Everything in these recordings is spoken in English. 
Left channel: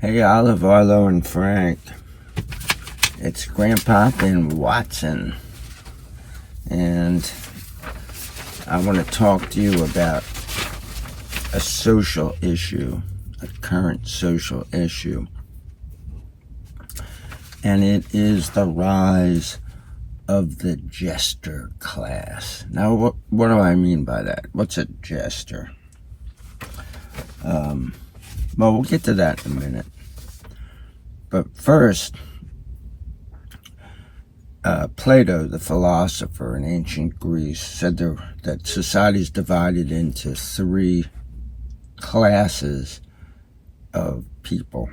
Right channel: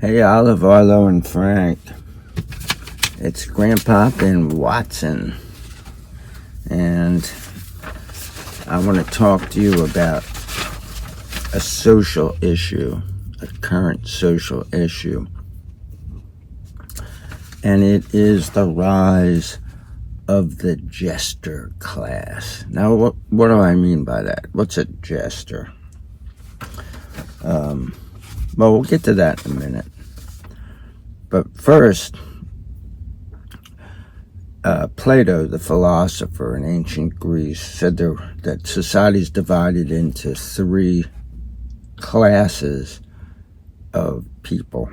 Hey, Olive, Arlo, and Frank. It's Grandpa and Watson. And I want to talk to you about a social issue, a current social issue. And it is the rise of the Jester class. Now, what do I mean by that? What's a Jester? Well, we'll get to that in a minute. But first, Plato, the philosopher in ancient Greece, said that society is divided into three classes of people.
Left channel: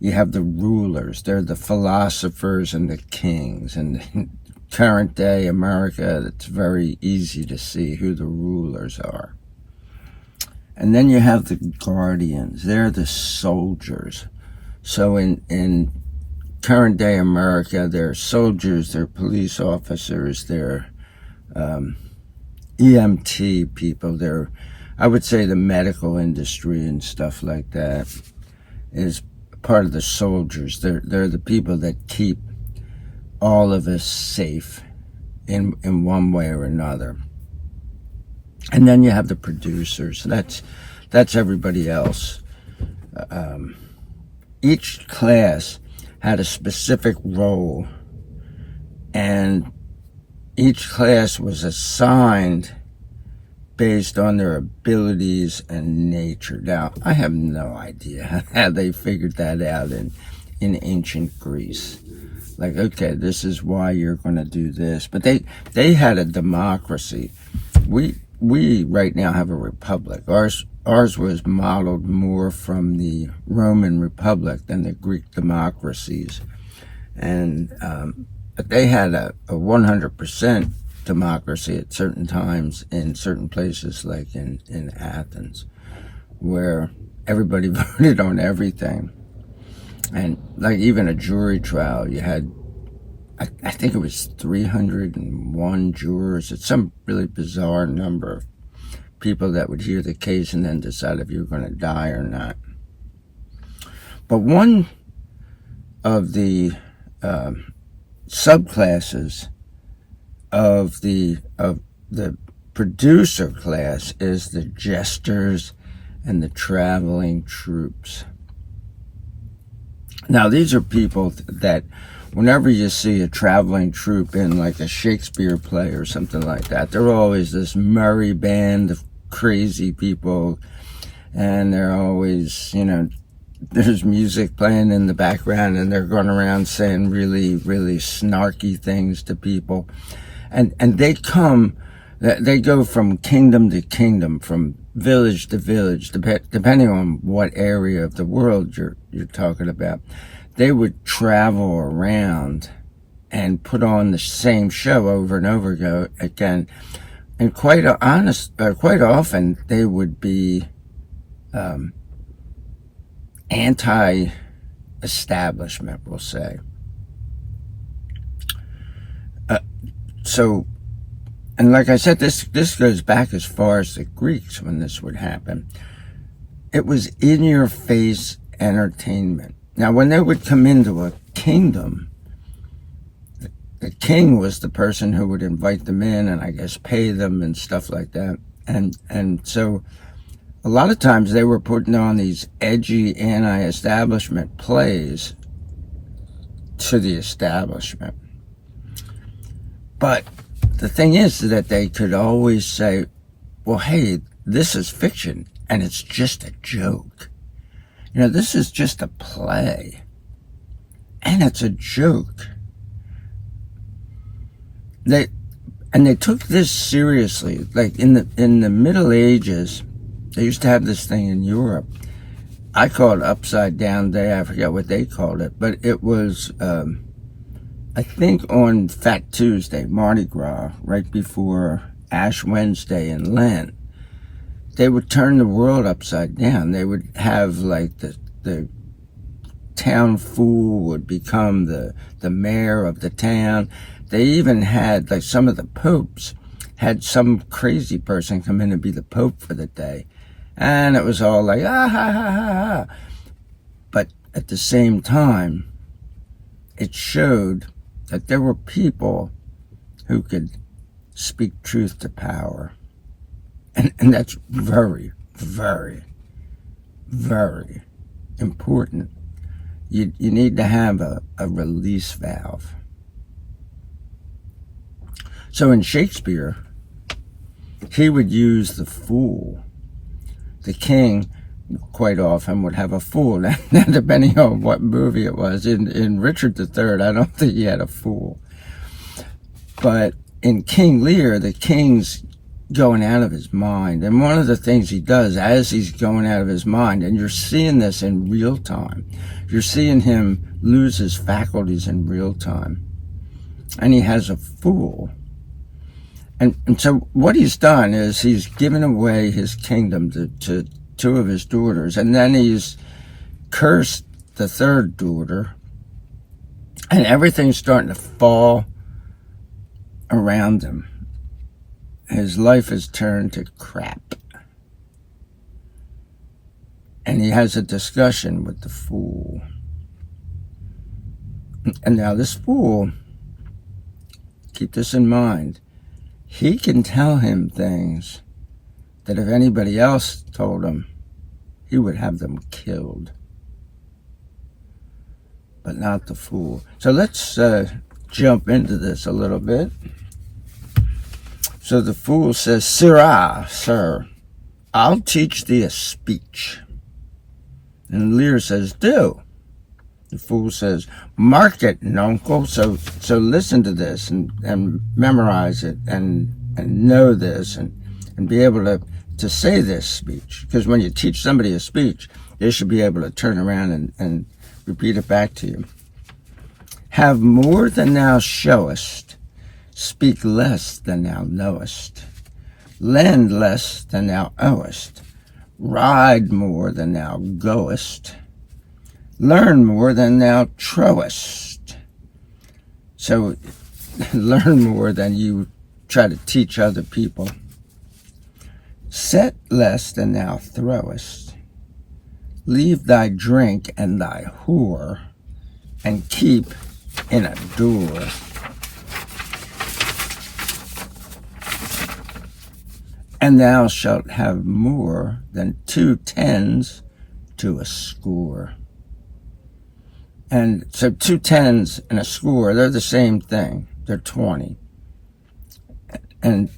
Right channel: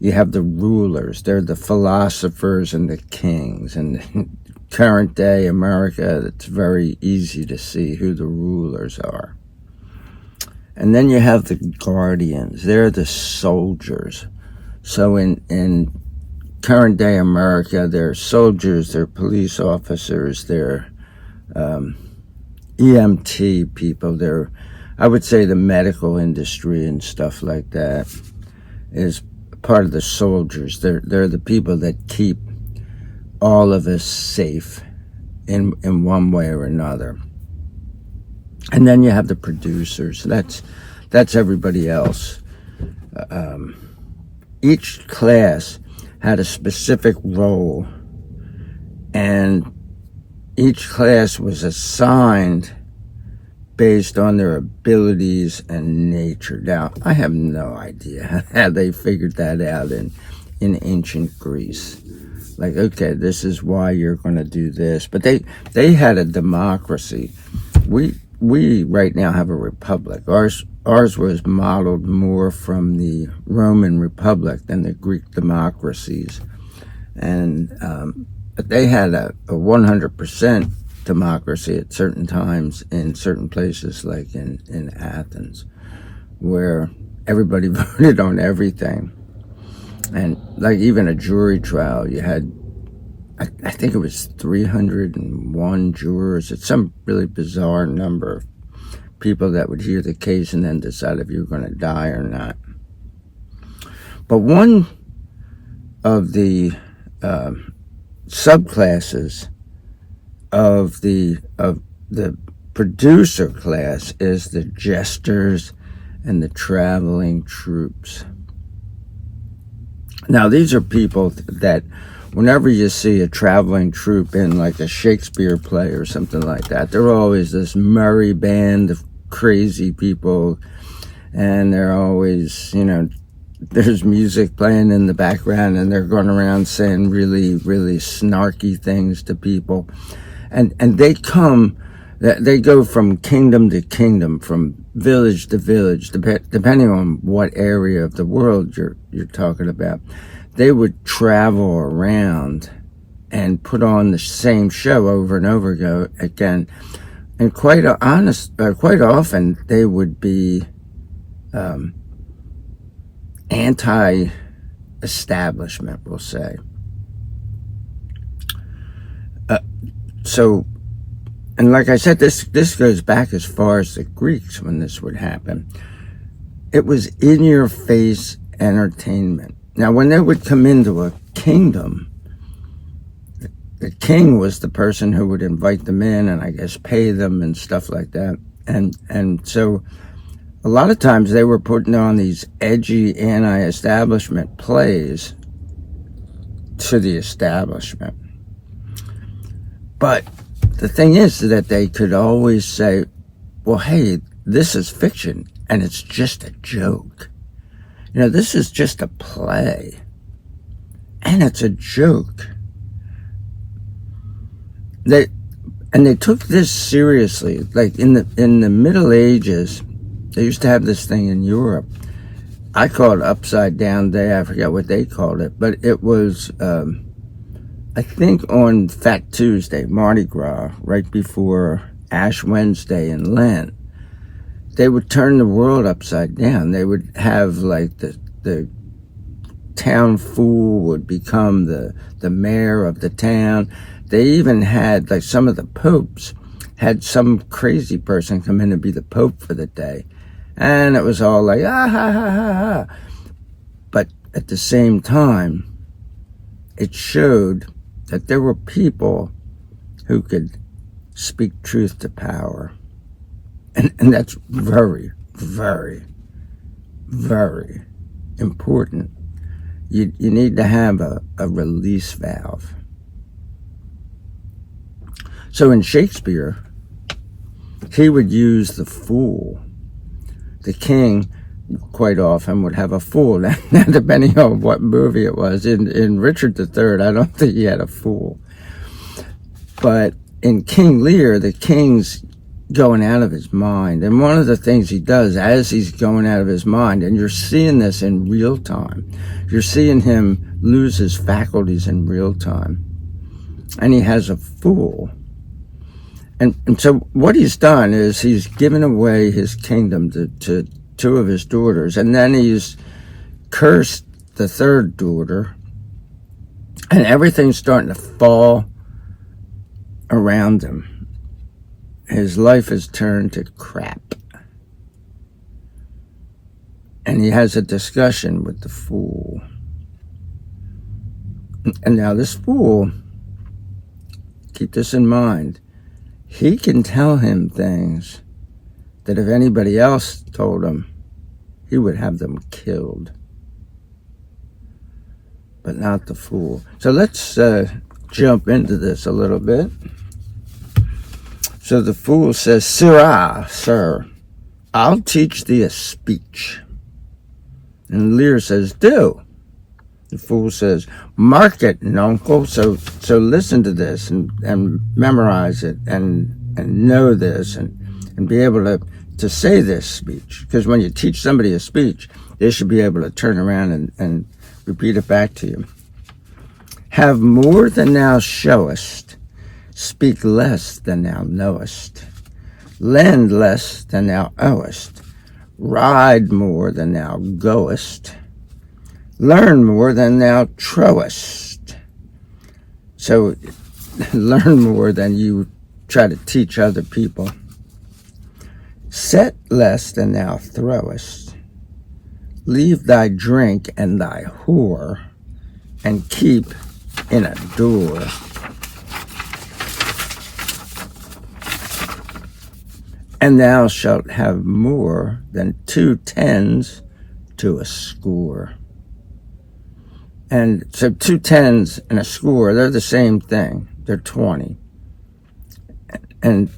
You have the rulers, they're the philosophers and the kings. And in current day America, it's very easy to see who the rulers are. And then you have the guardians, they're the soldiers. So in current day America, they're soldiers, they're police officers, they're EMT people, they're, I would say, the medical industry and stuff like that is part of the soldiers. They're the people that keep all of us safe in one way or another. And then you have the producers. That's everybody else. Each class had a specific role, and each class was assigned based on their abilities and nature. Now, I have no idea how they figured that out in ancient Greece. Like, okay, this is why you're going to do this. But they had a democracy. We right now have a republic. Ours was modeled more from the Roman Republic than the Greek democracies. And but they had a 100% democracy at certain times in certain places, like in Athens, where everybody voted on everything. And like even a jury trial, you had, I think it was 301 jurors. It's some really bizarre number of people that would hear the case and then decide if you were going to die or not. But one of the subclasses of the producer class is the jesters and the traveling troops. Now, these are people that whenever you see a traveling troupe in like a Shakespeare play or something like that, they're always this merry band of crazy people, and they're always, there's music playing in the background, and they're going around saying really, really snarky things to people. And they go from kingdom to kingdom, from village to village, depending on what area of the world you're talking about. They would travel around and put on the same show over and over again. And quite often they would be anti-establishment, we'll say. So, and like I said, this goes back as far as the Greeks when this would happen. It was in-your-face entertainment. Now, when they would come into a kingdom, the king was the person who would invite them in and I guess pay them and stuff like that. And so a lot of times they were putting on these edgy anti-establishment plays to the establishment. But the thing is that they could always say, well, hey, this is fiction and it's just a joke. This is just a play and it's a joke. They took this seriously. Like in the Middle Ages, they used to have this thing in Europe. I call it Upside Down Day. I forget what they called it, but it was, I think on Fat Tuesday, Mardi Gras, right before Ash Wednesday and Lent, they would turn the world upside down. They would have like the town fool would become the mayor of the town. They even had, like, some of the popes had some crazy person come in and be the pope for the day. And it was all like, ah, ha, ha, ha, ha. at the same time, it showed that there were people who could speak truth to power. And that's very, very, very important. You need to have a release valve. So in Shakespeare, he would use the fool. The king quite often would have a fool. Now, depending on what movie it was. In Richard III, I don't think he had a fool. But in King Lear, the king's going out of his mind. And one of the things he does as he's going out of his mind, and you're seeing this in real time, you're seeing him lose his faculties in real time. And he has a fool. And so what he's done is he's given away his kingdom to two of his daughters, and then he's cursed the third daughter, and everything's starting to fall around him. His life has turned to crap. And he has a discussion with the fool. And now this fool, keep this in mind, he can tell him things that if anybody else told him, he would have them killed. But not the fool. So let's jump into this a little bit. So the fool says, "Sirrah, sir, I'll teach thee a speech." And Lear says, "Do." The fool says, "Mark it, nuncle." So listen to this and memorize it and know this and be able to say this speech. Because when you teach somebody a speech, they should be able to turn around and repeat it back to you. "Have more than thou showest. Speak less than thou knowest. Lend less than thou owest. Ride more than thou goest. Learn more than thou trowest." So learn more than you try to teach other people. "Set less than thou throwest. Leave thy drink and thy whore, and keep in a door. And thou shalt have more than 2 tens to a score." And so 2 tens and a score, they're the same thing. They're 20. And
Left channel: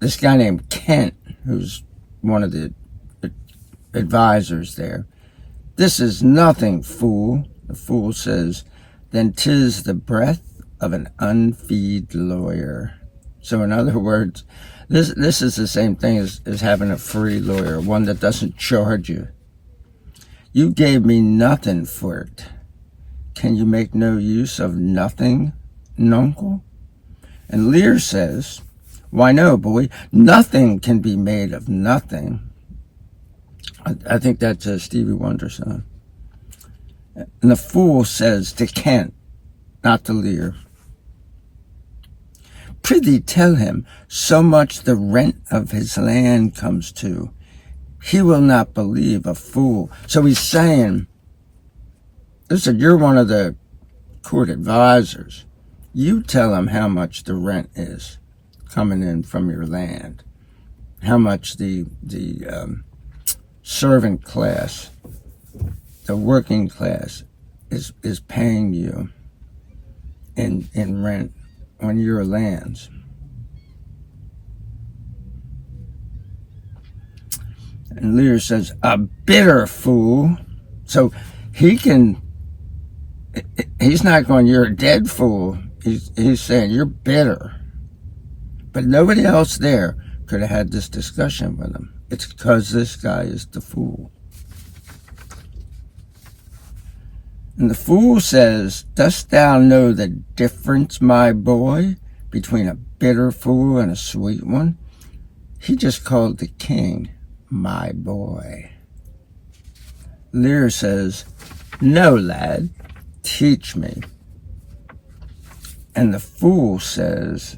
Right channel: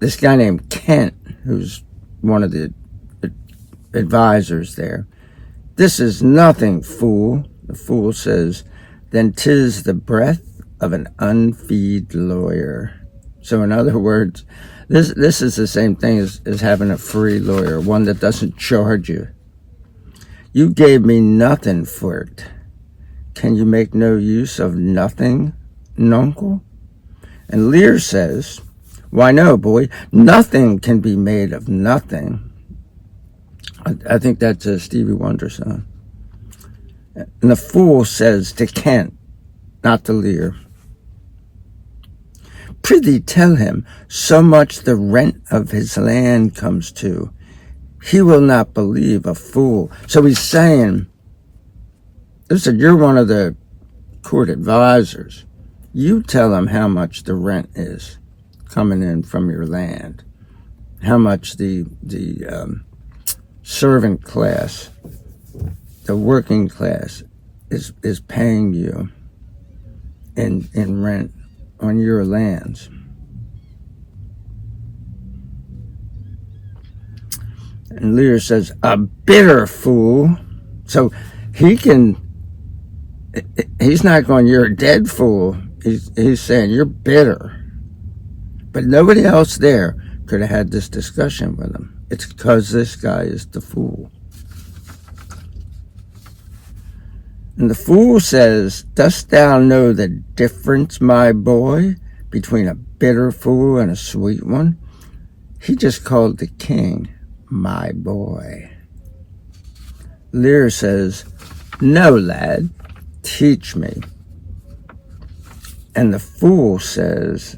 this guy named Kent, who's one of the advisors there, "This is nothing, fool." The fool says, "Then 'tis the breath of an unfeed lawyer." So in other words, this is the same thing as having a free lawyer, one that doesn't charge you. "You gave me nothing for it. Can you make no use of nothing, nuncle?" And Lear says, "Why no, boy, nothing can be made of nothing." I think that's a Stevie Wonder song. And the fool says to Kent, not to Lear, "Prithee tell him so much the rent of his land comes to. He will not believe a fool." So he's saying, listen, you're one of the court advisors. You tell him how much the rent is coming in from your land, how much the servant class, the working class is paying you in rent on your lands. And Lear says, "A bitter fool." So he's not going, "You're a dead fool." He's saying, "You're bitter." But nobody else there could have had this discussion with him. It's because this guy is the fool. And the fool says, "Dost thou know the difference, my boy, between a bitter fool and a sweet one?" He just called the king my boy. Lear says, "No, lad, teach me." And the fool says,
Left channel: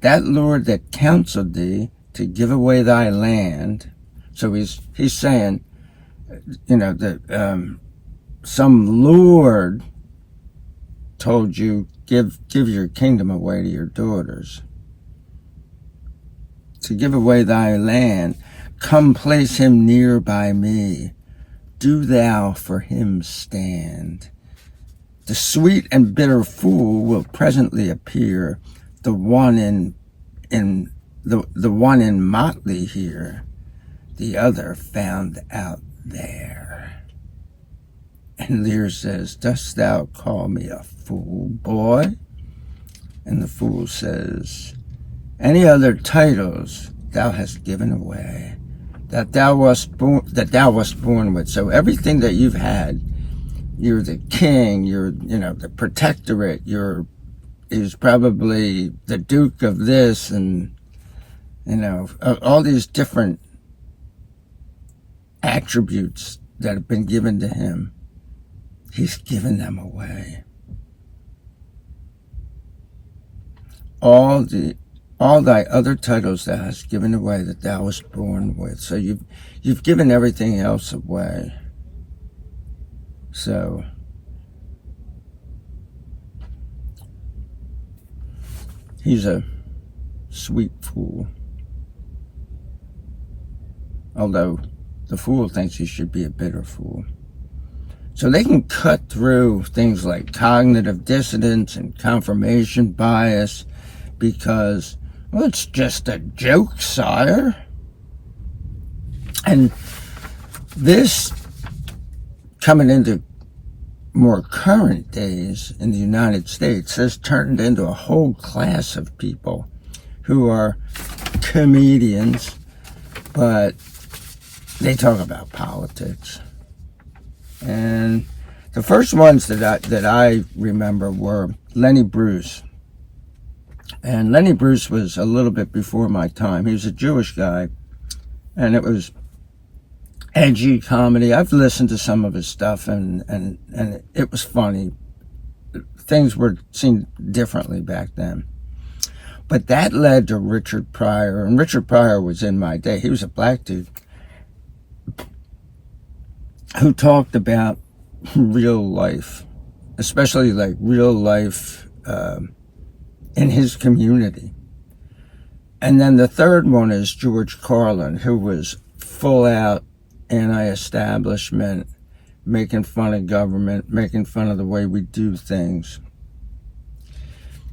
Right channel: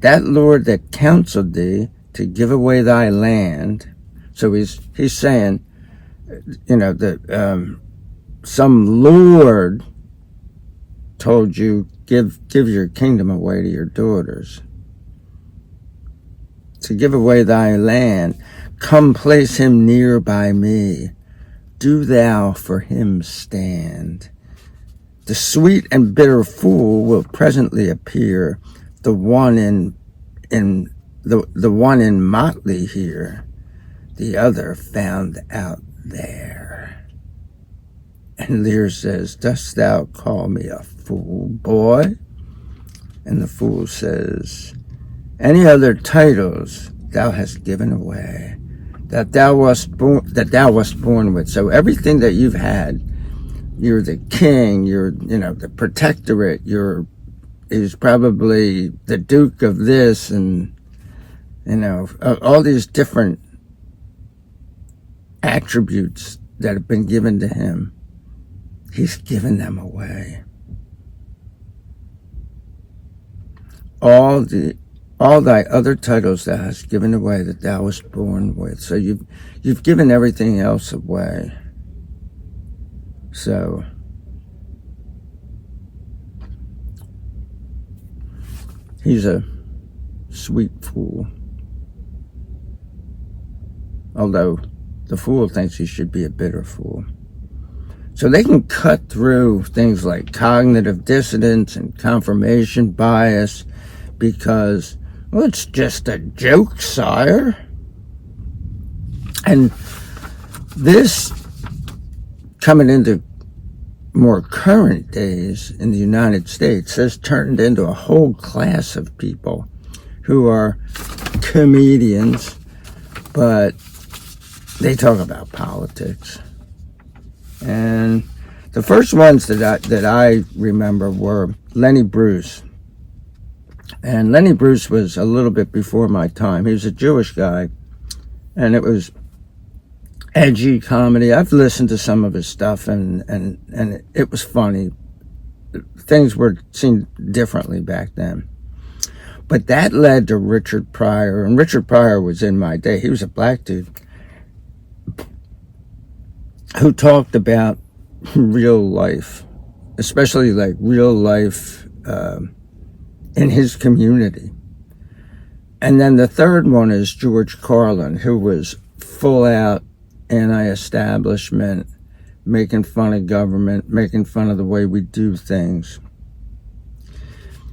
"That lord that counseled thee to give away thy land." So he's saying, some lord told you, give your kingdom away to your daughters. To give away thy land, come place him near by me. Do thou for him stand. The sweet and bitter fool will presently appear, the one in the one in motley here, the other found out there. And Lear says, dost thou call me a fool, boy? And the fool says, any other titles thou hast given away, that thou wast born with. So everything that you've had, you're the king, you're, the protectorate, he's probably the duke of this, and, all these different attributes that have been given to him. He's given them away. All thy other titles thou hast given away that thou wast born with. So you've given everything else away. So he's a sweet fool. Although the fool thinks he should be a bitter fool. So they can cut through things like cognitive dissonance and confirmation bias because, well, it's just a joke, sire. And this, coming into more current days in the United States, has turned into a whole class of people who are comedians, but they talk about politics. And the first ones that I remember were Lenny Bruce. And Lenny Bruce was a little bit before my time. He was a Jewish guy, and it was edgy comedy. I've listened to some of his stuff, and it was funny. Things were seen differently back then. But that led to Richard Pryor, and Richard Pryor was in my day. He was a black dude who talked about real life, especially like real life in his community. And then the third one is George Carlin, who was full out anti-establishment, making fun of government, making fun of the way we do things.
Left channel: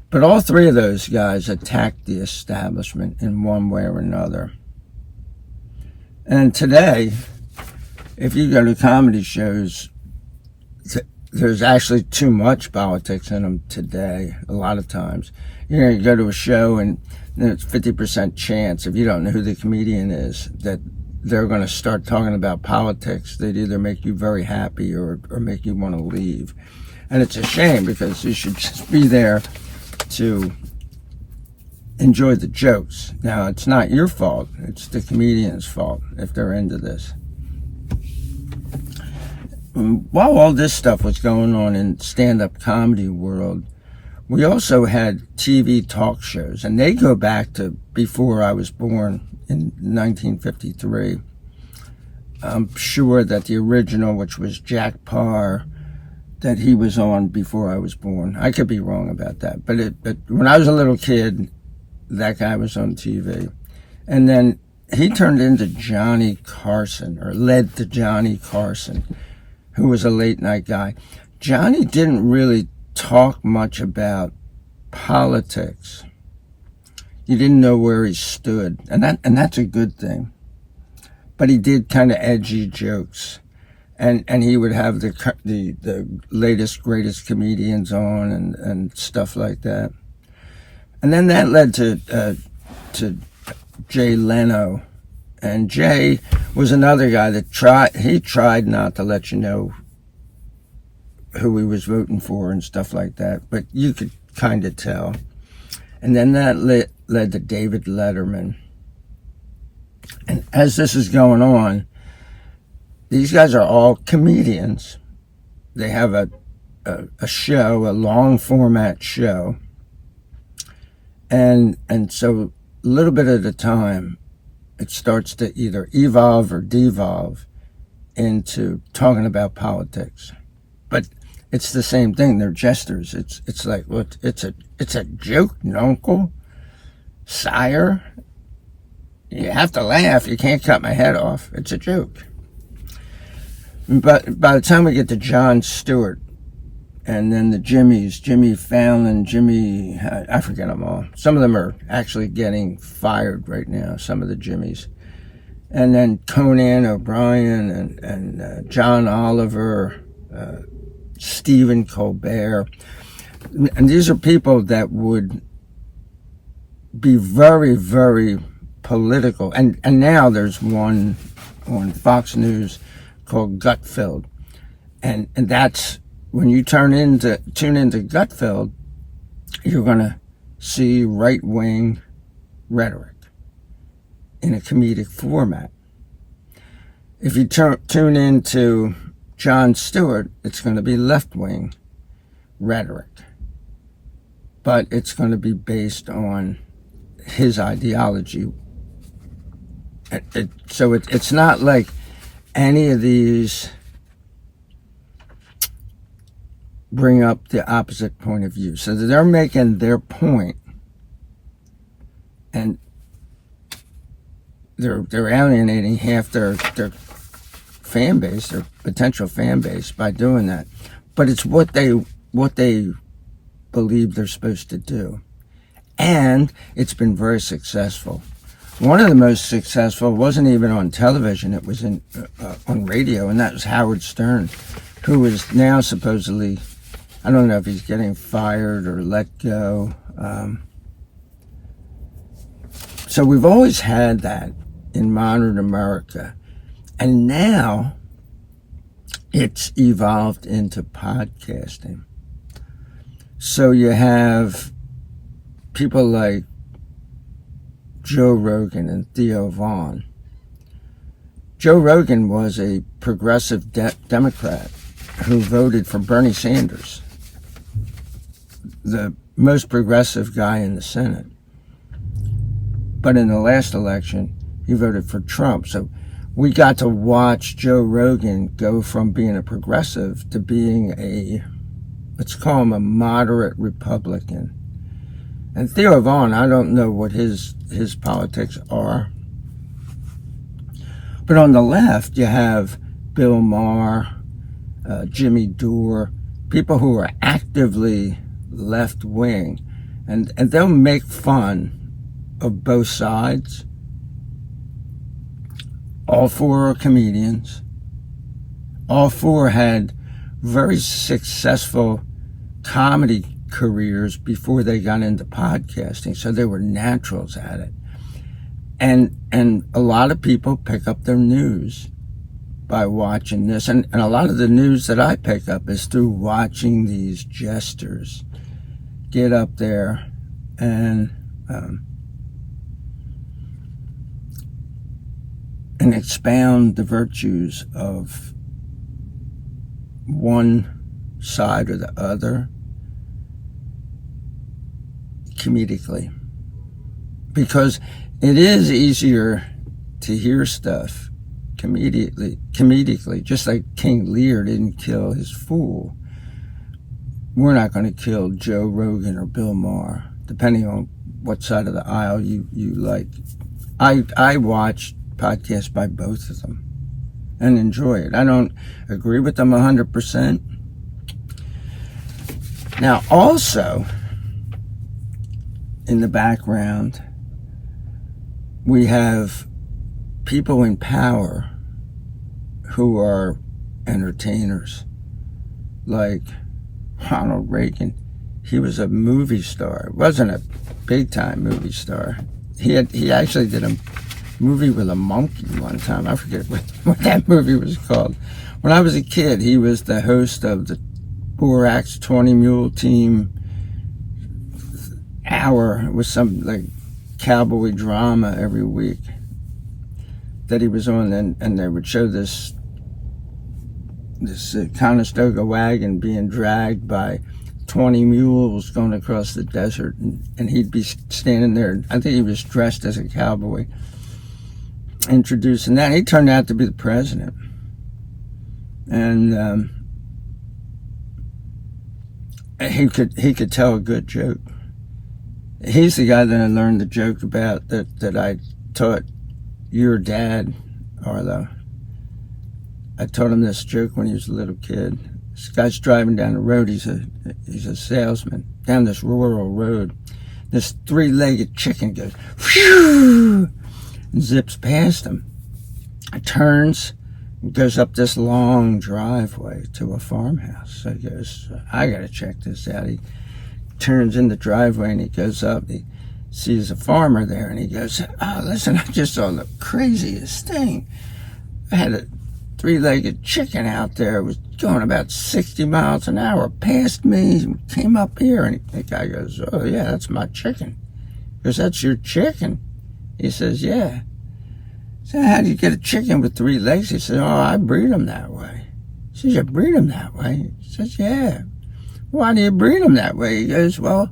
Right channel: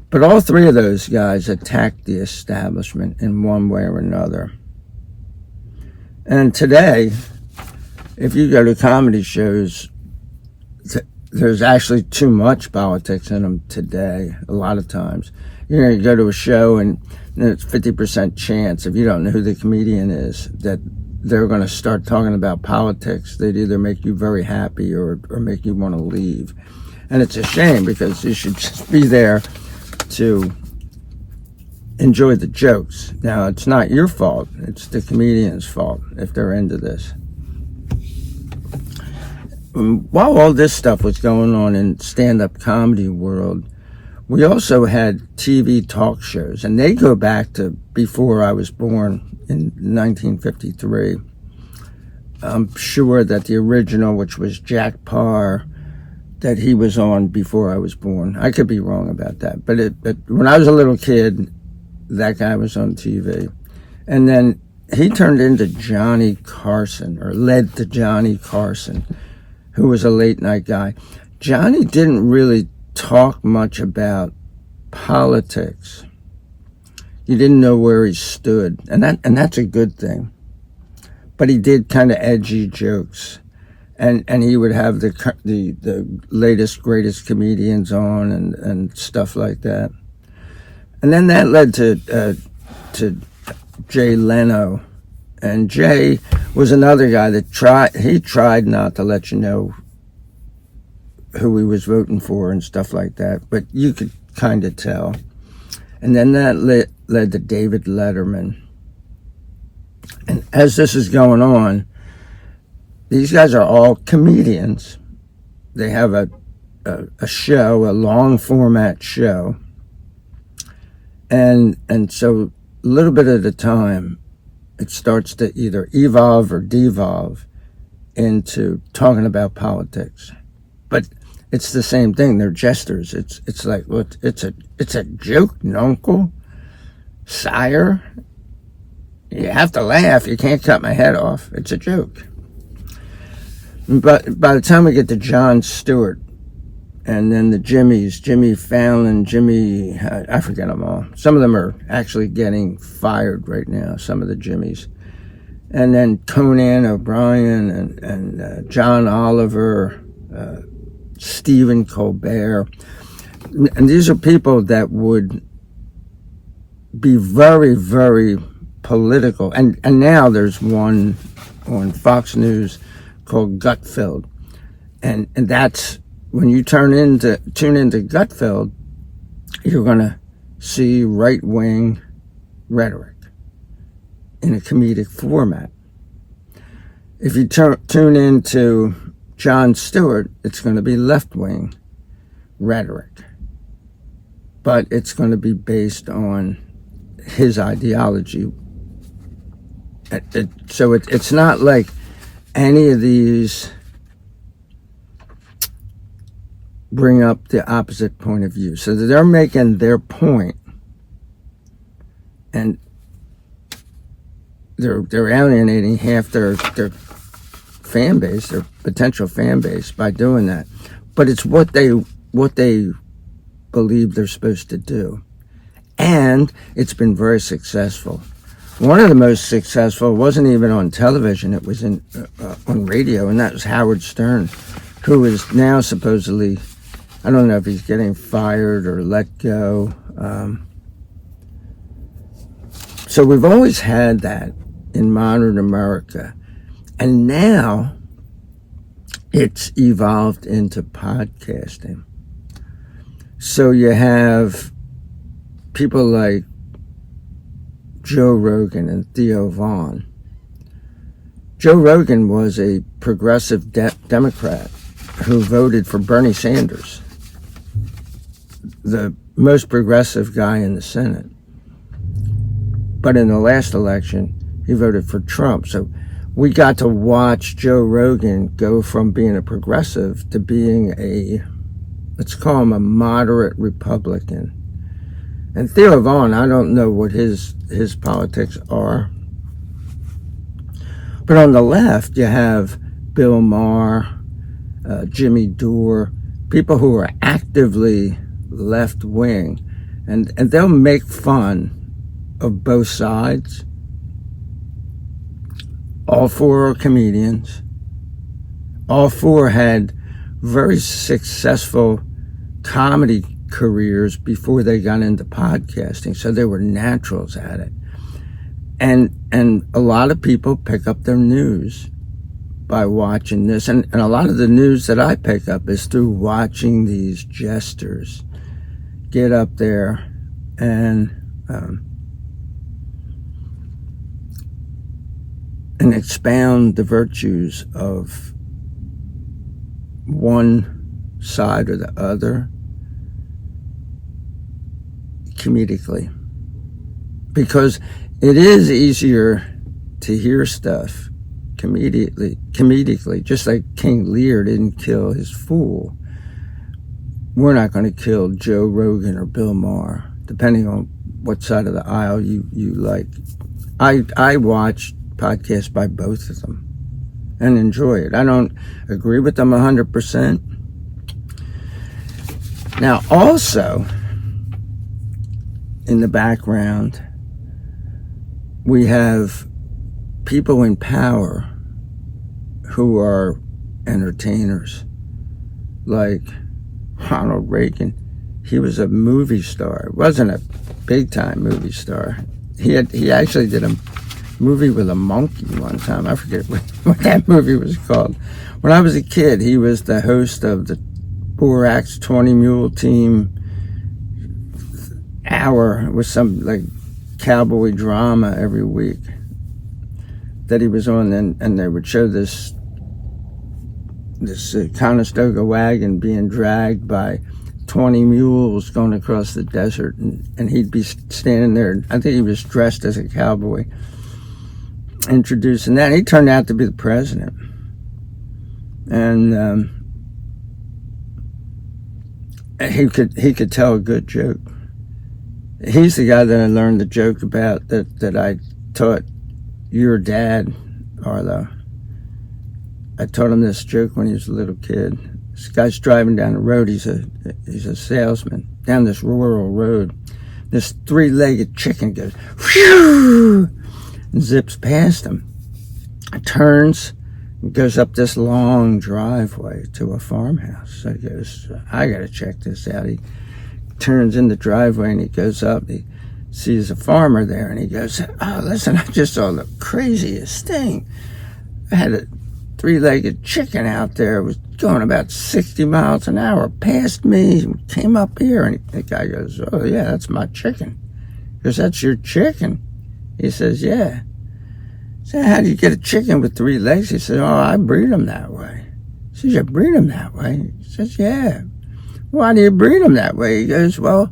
But all three of those guys attacked the establishment in one way or another. And today, if you go to comedy shows, there's actually too much politics in them today, a lot of times. You go to a show and it's 50% chance, if you don't know who the comedian is, that they're going to start talking about politics. They'd either make you very happy or make you want to leave. And it's a shame because you should just be there to enjoy the jokes. Now, it's not your fault. It's the comedian's fault if they're into this. While all this stuff was going on in stand-up comedy world, we also had TV talk shows, and they go back to before I was born in 1953. I'm sure that the original, which was Jack Parr, that he was on before I was born. I could be wrong about that, but when I was a little kid, that guy was on TV. And then he turned into Johnny Carson, or led to Johnny Carson, who was a late night guy. Johnny didn't really talk much about politics. You didn't know where he stood, and that's a good thing. But he did kind of edgy jokes, and he would have the latest greatest comedians on and stuff like that. And then that led to Jay Leno. And Jay was another guy that tried not to let you know who he was voting for and stuff like that, but you could kind of tell. And then that led to David Letterman. And as this is going on, these guys are all comedians. They have a show, a long format show. And so a little bit at a time, it starts to either evolve or devolve into talking about politics. but it's the same thing. They're jesters. It's like, well, it's a joke, nuncle, sire. You have to laugh. You can't cut my head off. It's a joke. But by the time we get to Jon Stewart, and then the Jimmys, Jimmy Fallon, I forget them all. Some of them are actually getting fired right now, some of the Jimmys. And then Conan O'Brien and John Oliver, Stephen Colbert. And these are people that would be very, very political. And now there's one on Fox News called Gutfeld. And that's, when you tune into Gutfeld, you're going to see right-wing rhetoric in a comedic format. If you tune into Jon Stewart, it's going to be left-wing rhetoric. But it's going to be based on his ideology. So it's not like any of these bring up the opposite point of view. So they're making their point, and they're alienating half their fan base, their potential fan base, by doing that. But it's what they believe they're supposed to do, and it's been very successful. One of the most successful wasn't even on television; it was on radio, and that was Howard Stern, who is now supposedly, I don't know if he's getting fired or let go. So we've always had that in modern America. And now it's evolved into podcasting. So you have people like Joe Rogan and Theo Vaughn. Joe Rogan was a progressive Democrat who voted for Bernie Sanders, the most progressive guy in the Senate. But in the last election, he voted for Trump. So we got to watch Joe Rogan go from being a progressive to being let's call him a moderate Republican. And Theo Vaughn, I don't know what his politics are. But on the left, you have Bill Maher, Jimmy Dore, people who are actively left-wing, and they'll make fun of both sides. All four are comedians. All four had very successful comedy careers before they got into podcasting, so they were naturals at it. And a lot of people pick up their news by watching this, and a lot of the news that I pick up is through watching these jesters get up there and expound the virtues of one side or the other comedically, because it is easier to hear stuff comedically, just like King Lear didn't kill his fool. We're not going to kill Joe Rogan or Bill Maher, depending on what side of the aisle you like. I watch podcasts by both of them and enjoy it. I don't agree with them 100%. Now, also, in the background, we have people in power who are entertainers, like Ronald Reagan. He was a movie star. Wasn't a big-time movie star. He actually did a movie with a monkey one time. I forget what that movie was called. When I was a kid, he was the host of the Borak's 20 Mule Team hour. It was some like cowboy drama every week that he was on, and they would show this Conestoga wagon being dragged by 20 mules going across the desert, and he'd be standing there. I think he was dressed as a cowboy, introducing that. He turned out to be the president, and he could tell a good joke. He's the guy that I learned the joke about that I taught your dad, Arlo. I taught him this joke when he was a little kid. This guy's driving down the road. He's a salesman down this rural road. This three-legged chicken goes whew, and zips past him. It turns and goes up this long driveway to a farmhouse. So he goes, I gotta check this out. He turns in the driveway and he goes up. He sees a farmer there and he goes, oh, listen, I just saw the craziest thing. I had a three-legged chicken out there. It was going about 60 miles an hour past me and came up here. And the guy goes, oh, yeah, that's my chicken. He goes, that's your chicken? He says, yeah. So how do you get a chicken with 3 legs? He says, oh, I breed them that way. He says, you breed them that way? He says, yeah. Why do you breed them that way? He goes, well,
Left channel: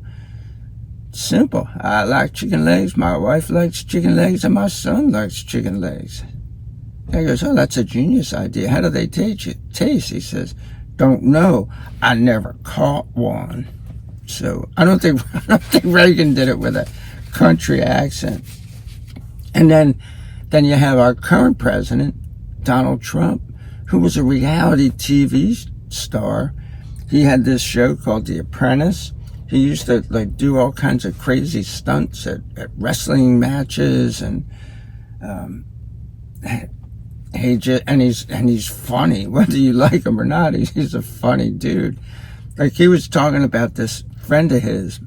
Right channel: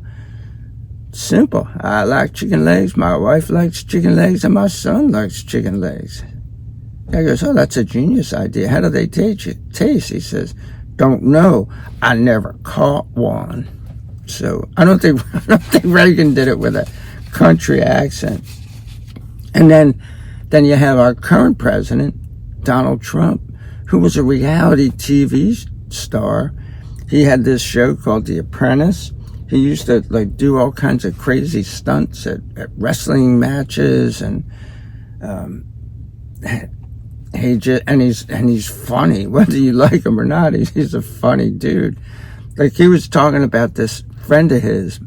simple. I like chicken legs, my wife likes chicken legs, and my son likes chicken legs. The guy goes, oh, that's a genius idea. How do they taste? He says, don't know. I never caught one. So I don't think Reagan did it with a country accent. And then you have our current president, Donald Trump, who was a reality TV star. He had this show called The Apprentice. He used to do all kinds of crazy stunts at wrestling matches, and he's funny, whether you like him or not. He's a funny dude. Like, he was talking about this friend of his.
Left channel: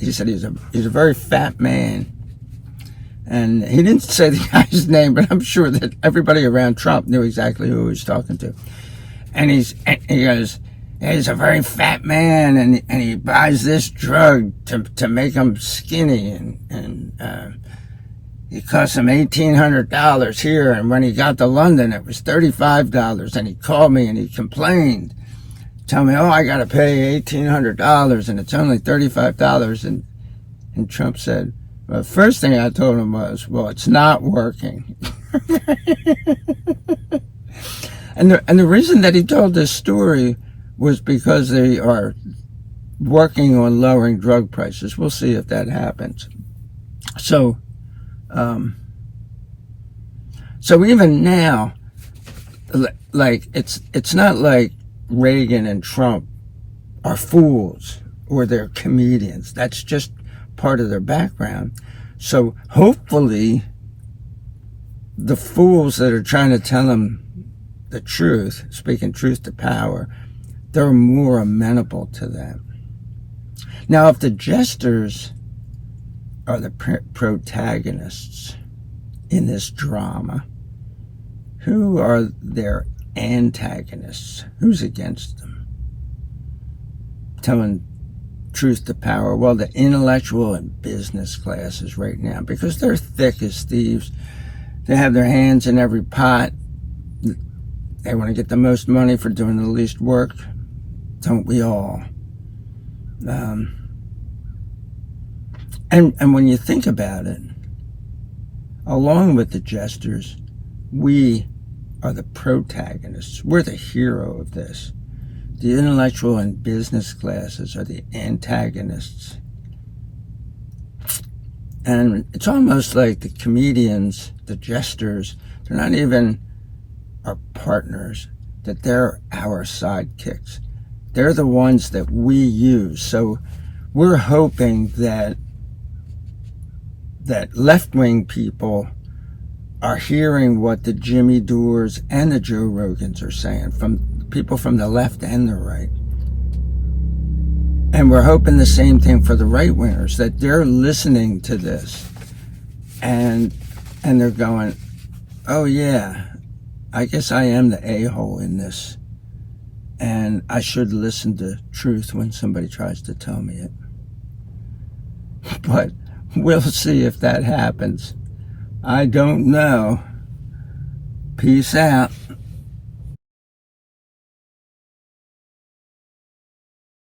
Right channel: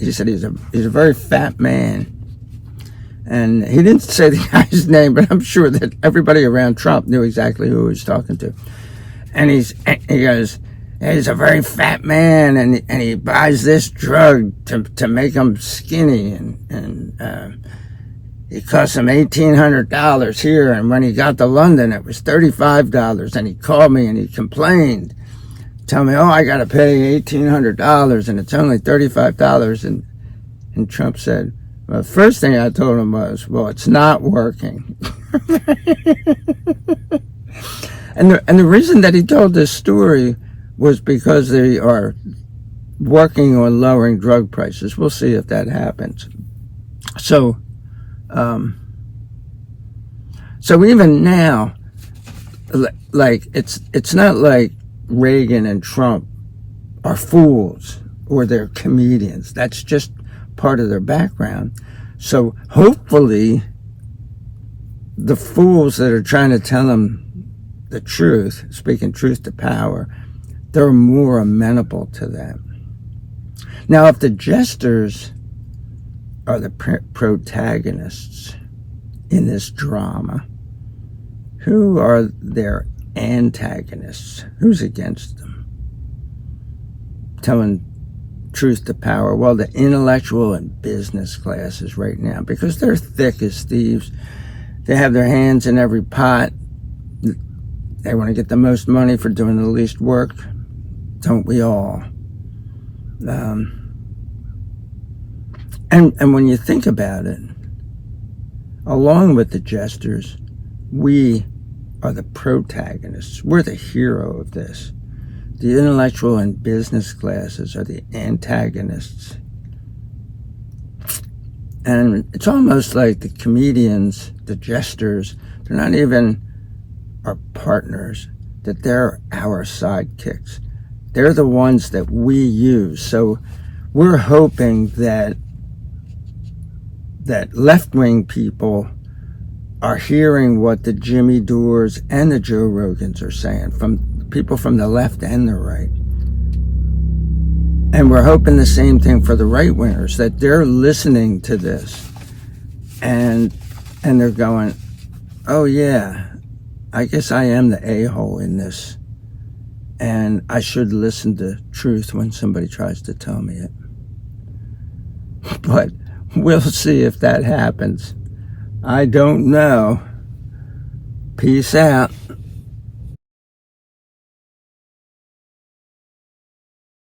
He said he's a very fat man, and he didn't say the guy's name, but I'm sure that everybody around Trump knew exactly who he was talking to. And he goes, he's a very fat man, and he buys this drug to make him skinny, and it cost him $1,800 here, and when he got to London, it was $35, and he called me and he complained, tell me, oh, I got to pay $1,800, and it's only $35, and Trump said, well, the first thing I told him was, well, it's not working. and the reason that he told this story was because they are working on lowering drug prices. We'll see if that happens. So even now, like, it's not like Reagan and Trump are fools or they're comedians. That's just part of their background. So hopefully the fools that are trying to tell them the truth, speaking truth to power, they're more amenable to that. Now, if the jesters are the protagonists in this drama, who are their antagonists? Who's against them? Telling truth to power. Well, the intellectual and business classes right now, because they're thick as thieves. They have their hands in every pot. They want to get the most money for doing the least work. Don't we all? And when you think about it, along with the jesters, we are the protagonists. We're the hero of this. The intellectual and business classes are the antagonists. And it's almost like the comedians, the jesters, they're not even our partners, that they're our sidekicks. They're the ones that we use. So we're hoping that left-wing people are hearing what the Jimmy Doors and the Joe Rogans are saying, from people from the left and the right. And we're hoping the same thing for the right-wingers, that they're listening to this and they're going, oh yeah, I guess I am the a-hole in this, and I should listen to truth when somebody tries to tell me it. But we'll see if that happens. I don't know. Peace out.